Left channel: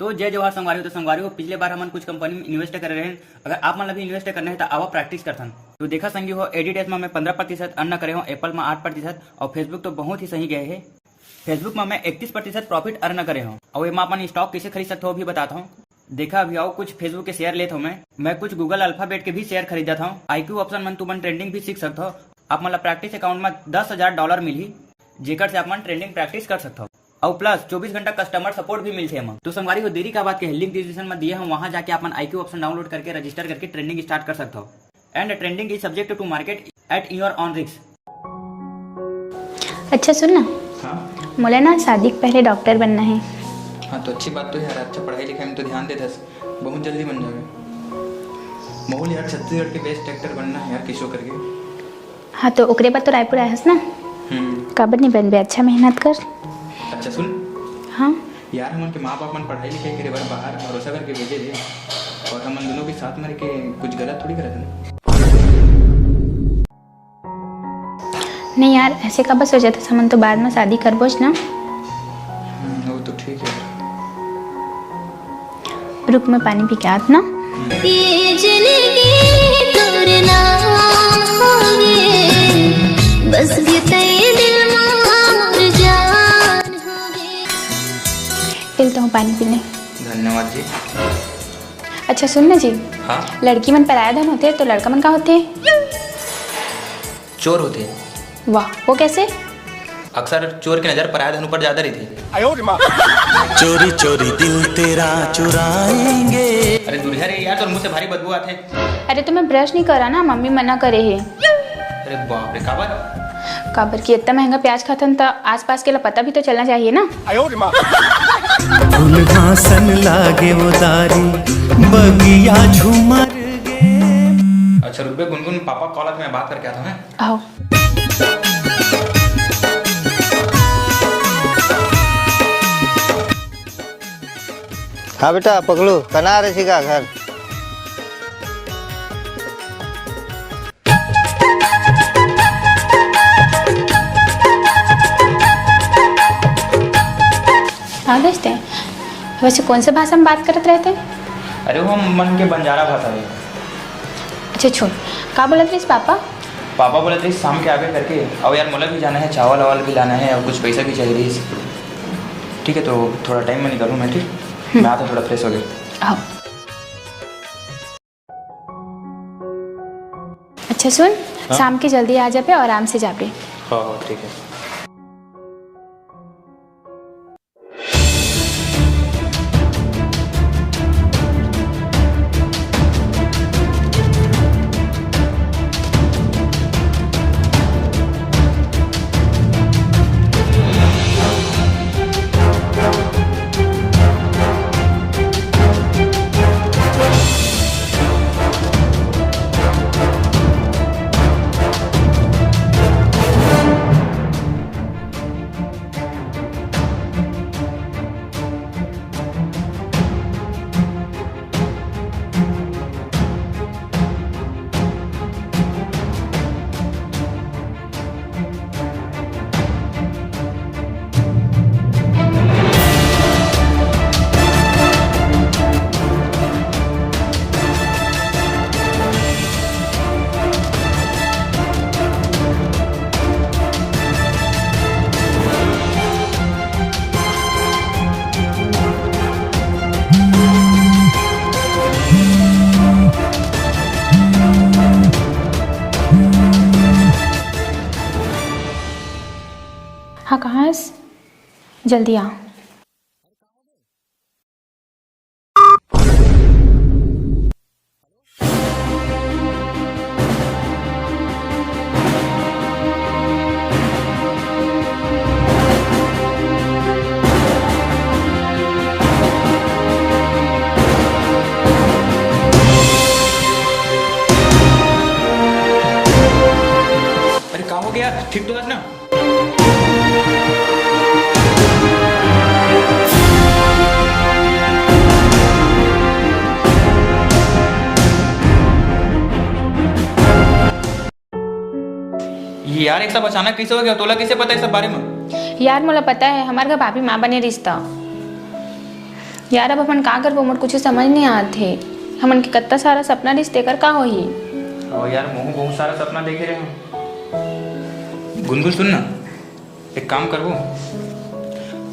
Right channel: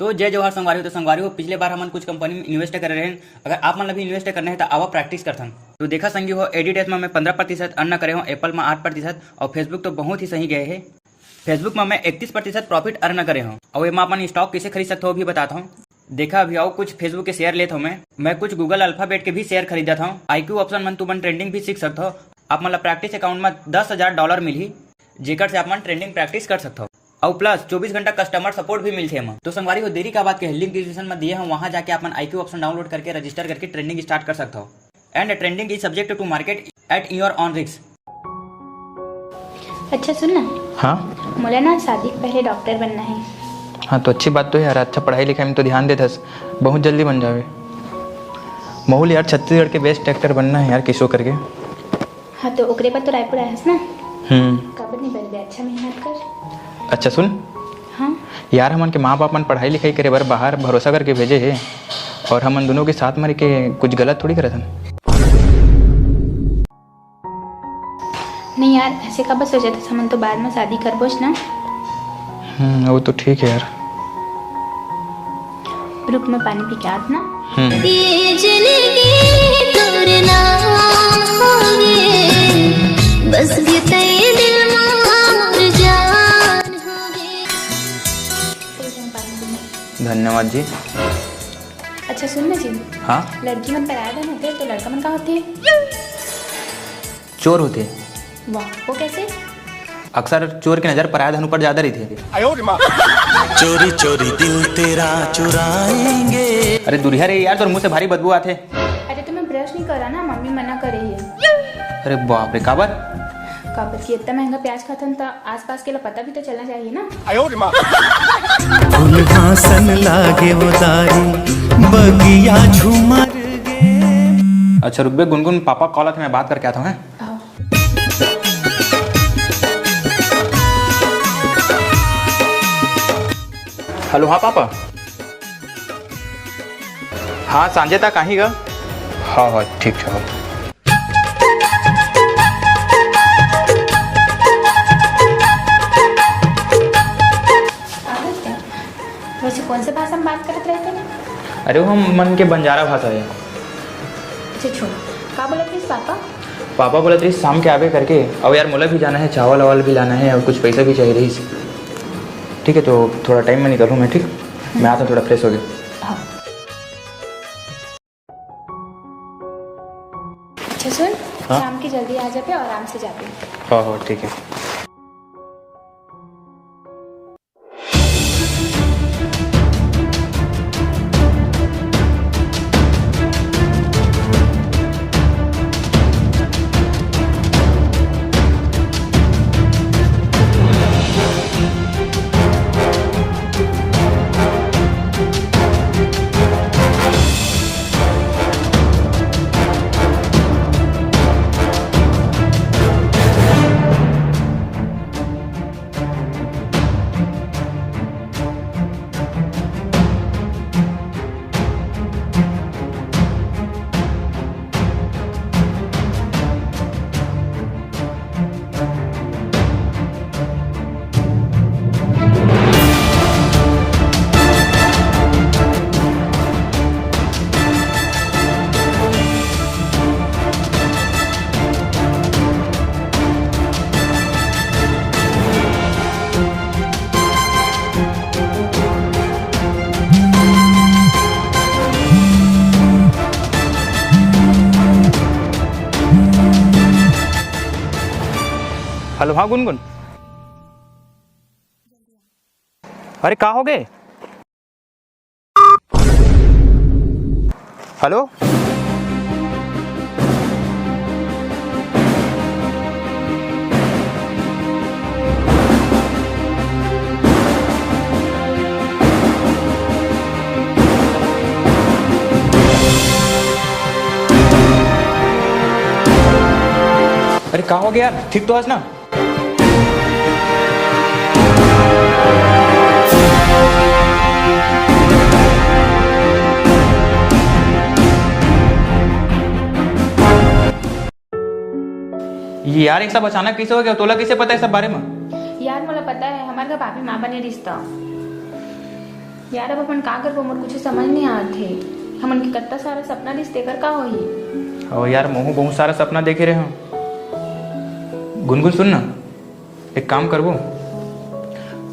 तो जय जवाहर संगवारी हो। तो संगवारी हो, पिछले बार हमन कुछ कंपनी में इन्वेस्ट कर रहे हैं। अगर आप मन भी इन्वेस्ट करना है तो आवा प्रैक्टिस करथन। तो देखा संगी हो, एडिटेस में मैं 15% अर्न करे हूँ, एप्पल में 8% और फेसबुक तो बहुत ही सही गए है। फेसबुक में मैं 31% प्रॉफिट अर्न करे हूँ। और ये अपन स्टॉक कैसे खरीद सकते हो भी बताता हूँ। देखा अभी आओ कुछ फेसबुक के शेयर लेता हूँ मैं कुछ गूगल अल्फाबेट के भी शेयर खरीदा था। IQ ऑप्शन मन तुमन ट्रेंडिंग भी सीख सकते हो। आप मतलब प्रैक्टिस अकाउंट में $10,000 मिली, जेकर से आप मन ट्रेंडिंग प्रैक्टिस कर सकते हो। और प्लस 24 घंटा कस्टमर सपोर्ट भी मिलते हैं। तो संगवारी हो, देरी का बात के लिंक डिस्क्रिप्शन में दिए हम, वहां जाके अपन IQ ऑप्शन डाउनलोड करके रजिस्टर करके ट्रेंडिंग स्टार्ट कर सकते हो। And trending is subject to market at your own risk. अच्छा सुन ना, हाँ मुझे ना शादी के पहले डॉक्टर बनना है। हाँ तो अच्छी बात तो है यार। अच्छा पढ़ाई लिखाई में तो ध्यान दे दस, बहुत जल्दी बन जाओगे। मोहुल यार, छत्तीसगढ़ के बेस्ट एक्टर बनना है यार, किसो करके। हाँ तो ओकरे बाद तो रायपुर आयस ना, काबर नहीं बनबे, अच्छा मेहनत कर। अच्छा सुन, हाँ यार हमन के माँ बाप मन पढ़ाई लिखाई करे बर बाहर भरोसा करके भेजे है, और हमन दोनों के साथ मर के कुछ गलत थोड़ी करत हन। नहीं यार, ऐसे का बस हो जाता समन तो बाद में शादी करबोच ना। वो तो ठीक है यार। रुक में पानी पी के आत ना। ये जिंदगी तोरना होगे, बस बीते दिल मोर जान होगे। चलता हूँ पानी पीने। धन्यवाद जी। अच्छा सुन ना जी, हाँ, लड़की मन पराया धन होते हैं तो लड़का मन का होते हैं? चोर होते। वाह, वो कैसे? अक्सर चोर की नजर पराया धन ऊपर ज्यादा रहती है। चोरी चोरी दिल तेरा चुराएंगे। अरे दूरिया रे यार, तो मुंह से भारी बदबू आते। अरे तो मैं ब्रश नहीं करा ना, मम्मी मना करे है। अरे बाप रे, काबर? काबर की इतना महंगा प्याज खातन तो आसपास के ला पता भी तो चलना चाहिए ना। फूल घासन लागे वो दारी, बगिया झूमर गे। अच्छा रुक बे गुनगुन, पापा कॉल में बात करके आता हूँ। आओ। हेलो, हाँ पापा। हाँ बेटा पकड़ो, कना रही का घर? हाँ सांझे तक आही गा। हाँ हाँ ठीक है। हाँ दोस्त है, वैसे कौन से भाषा में बात करते रहते हैं? अरे वो मन के बंजारा भाषा है। अच्छा छोड़, का बोलत रही पापा? पापा बोला थी शाम के आगे करके, और यार मोला भी जाना है, चावल वावल भी लाना है और कुछ पैसा भी चाहिए रही। ठीक है तो थोड़ा टाइम में निकलूँ मैं, ठीक? मैं आता हूँ, थोड़ा फ्रेश हो गया। आओ। अच्छा सुन, हाँ? शाम के जल्दी आ जा पे और आराम से जा पे। हाँ हाँ ठीक है। हेलो, हाँ गुनगुन। हाँ कहाँ है? जल्दी आ। अरे कहाँ हो गए? हेलो, अरे कहाँ हो गया यार? ठीक तो आज ना? यार एक सब अचानक कैसे हो गया? तोला कैसे पता है सब बारे में? यार मुझे पता है, हमारे घर भाभी माँ बने रिश्ता। यार अब अपन का करबो, मोर कुछ समझ नहीं आते। हमन के कत्ता सारा सपना रिश्ते कर का होही। और यार महू बहुत सारा सपना देखे रहे हम। गुनगुन सुन ना, एक काम करबो,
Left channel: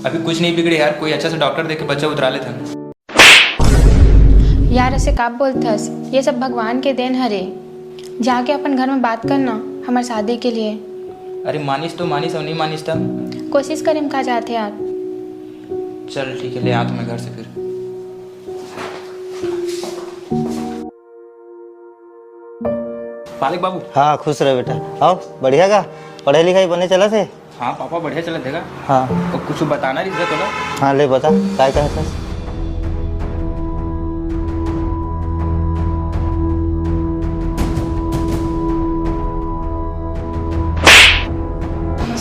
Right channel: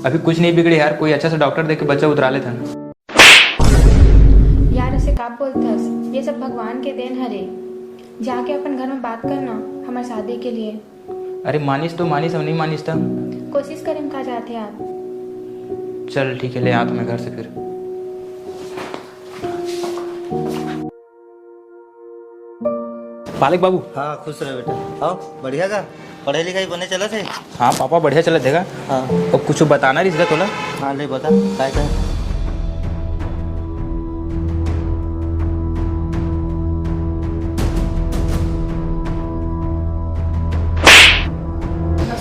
अभी कुछ नहीं बिगड़े यार, कोई अच्छा सा डॉक्टर देख के बच्चा उतरा लेते हैं। यार ऐसे का बोलथस, ये सब भगवान के देन हरे। जाके अपन घर में बात करना हमारे शादी के लिए। अरे मानिस तो मानिस और नहीं मानिस था, कोशिश करें का चाहते यार। चल ठीक है, ले आ तुम्हें घर से फिर। पालक बाबू। हाँ खुश रहे बेटा। आओ बढ़िया का पढ़ाई लिखाई बने चला थे। हाँ पापा बढ़िया चला देगा। हाँ और कुछ बताना रिश्ता तो ना। हाँ ले बता क्या कहते।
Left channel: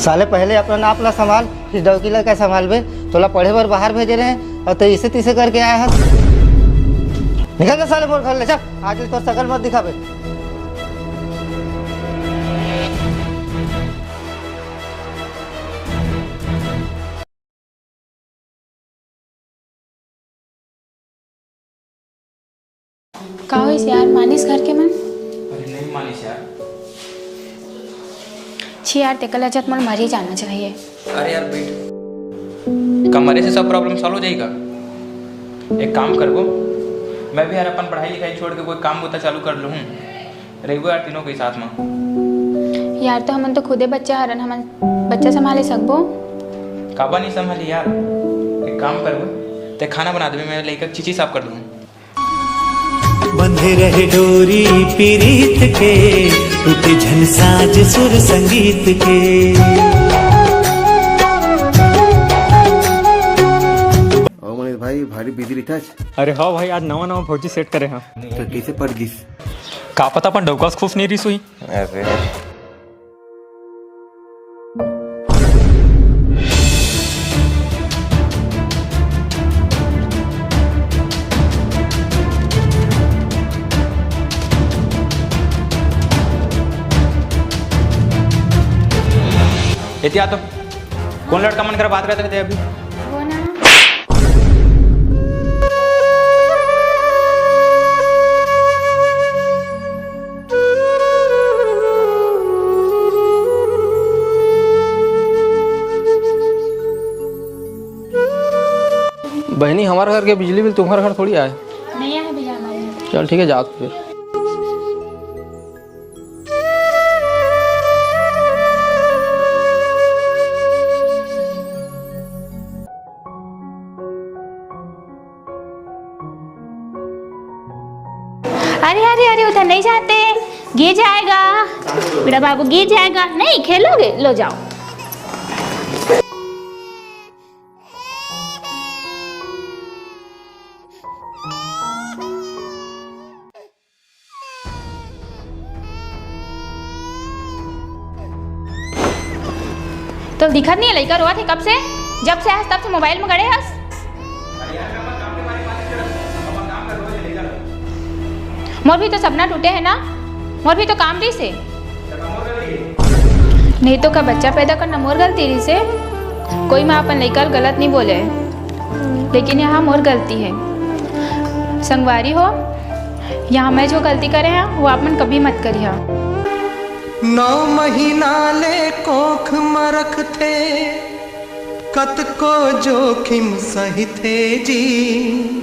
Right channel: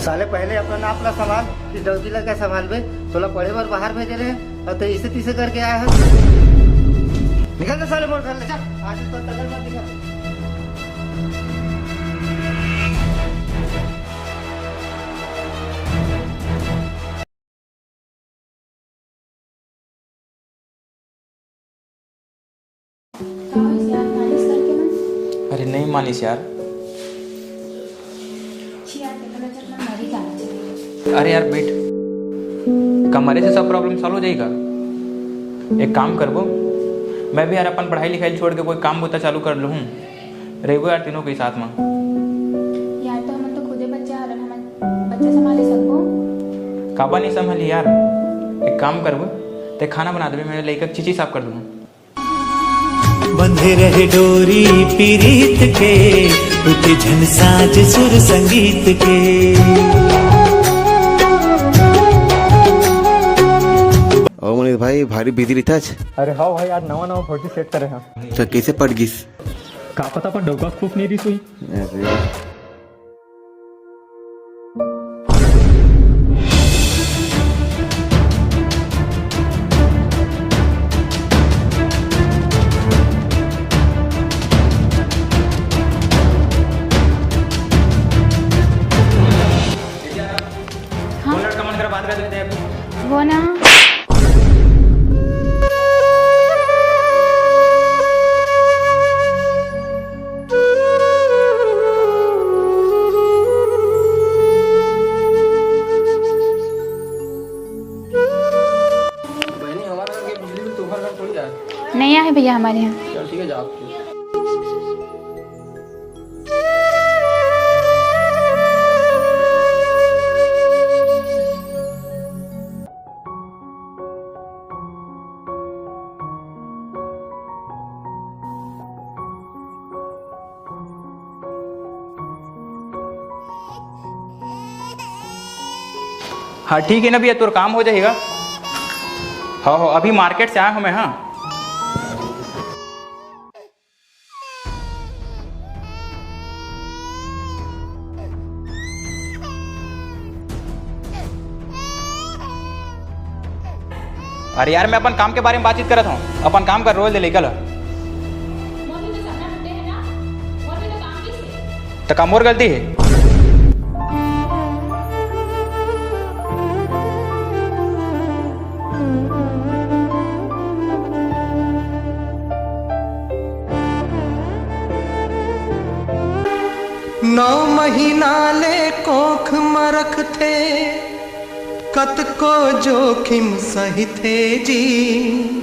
साले पहले अपना नापला संभाल, फिर डौकीला का संभाल बे। तोला पढ़े बार बाहर भेजे रहे और तो इसे तीसे करके आया है। निकल जा साले मोर घर ले, चल आगे तो शकल मत दिखाबे। का होइस यार, मानिस घर के मन? अरे नहीं मानिस यार। छी यार तेकल अचत मन मर ही जाना चाहिए। अरे यार बैठ, कमरे से सब प्रॉब्लम सॉल्व हो जाएगा। एक काम कर वो, मैं भी यार अपन पढ़ाई लिखाई छोड़ के कोई काम होता चालू कर लूँ, रहेगो यार तीनों के साथ में। यार तो हमन तो खुदे बच्चा हरन, हमन बच्चा संभाले सकबो। काबा नहीं संभाली यार। एक काम कर वो, ते खाना बना दे, मैं लेकर चीची साफ कर दूँ। बंधे रहे डोरी पीरीत के, टूटे झन साज सुर संगीत के। और मनीष भाई भारी बिजी रहता है। अरे हाँ भाई, आज नवा नवा फौजी सेट करे हाँ। तो कैसे पड़ गिस? का पता अपन डोकास खुश नहीं रही हुई। अरे या तो कौन लड़का मन कर बात रहते थे अभी? वो ना बहनी, हमारे घर के बिजली बिल तुम्हारे घर थोड़ी आए। नहीं आए भैया हमारे यहाँ। चल ठीक है, जा फिर। अरे अरे अरे उधर नहीं जाते, गिर जाएगा बेटा बाबू, गिर जाएगा। नहीं खेलोगे, लो जाओ। हाँ ठीक है ना भैया, तोर काम हो जाएगा। हाँ हाँ अभी मार्केट से आया हूँ मैं। हाँ तो दिखत नहीं है, लड़का रोआ थे कब से, जब से आज तब से मोबाइल में गड़े हस। अरे यार मैं अपन काम के बारे में बातचीत करत हूँ, अपन काम कर रोज लेकर। मोर भी तो सपना टूटे है ना, मोर भी तो काम रही से। तो काम और गलती है? नहीं तो का बच्चा पैदा करना मोर गलती रही से। कोई माँ अपन लेकर गलत नहीं बोले, लेकिन यहाँ मोर गलती है। संगवारी हो, यहाँ मैं जो गलती करे हैं वो आप मन कभी मत करिए। 9 महीना ले कोख मरख थे, कत को जोखिम सही थे जी।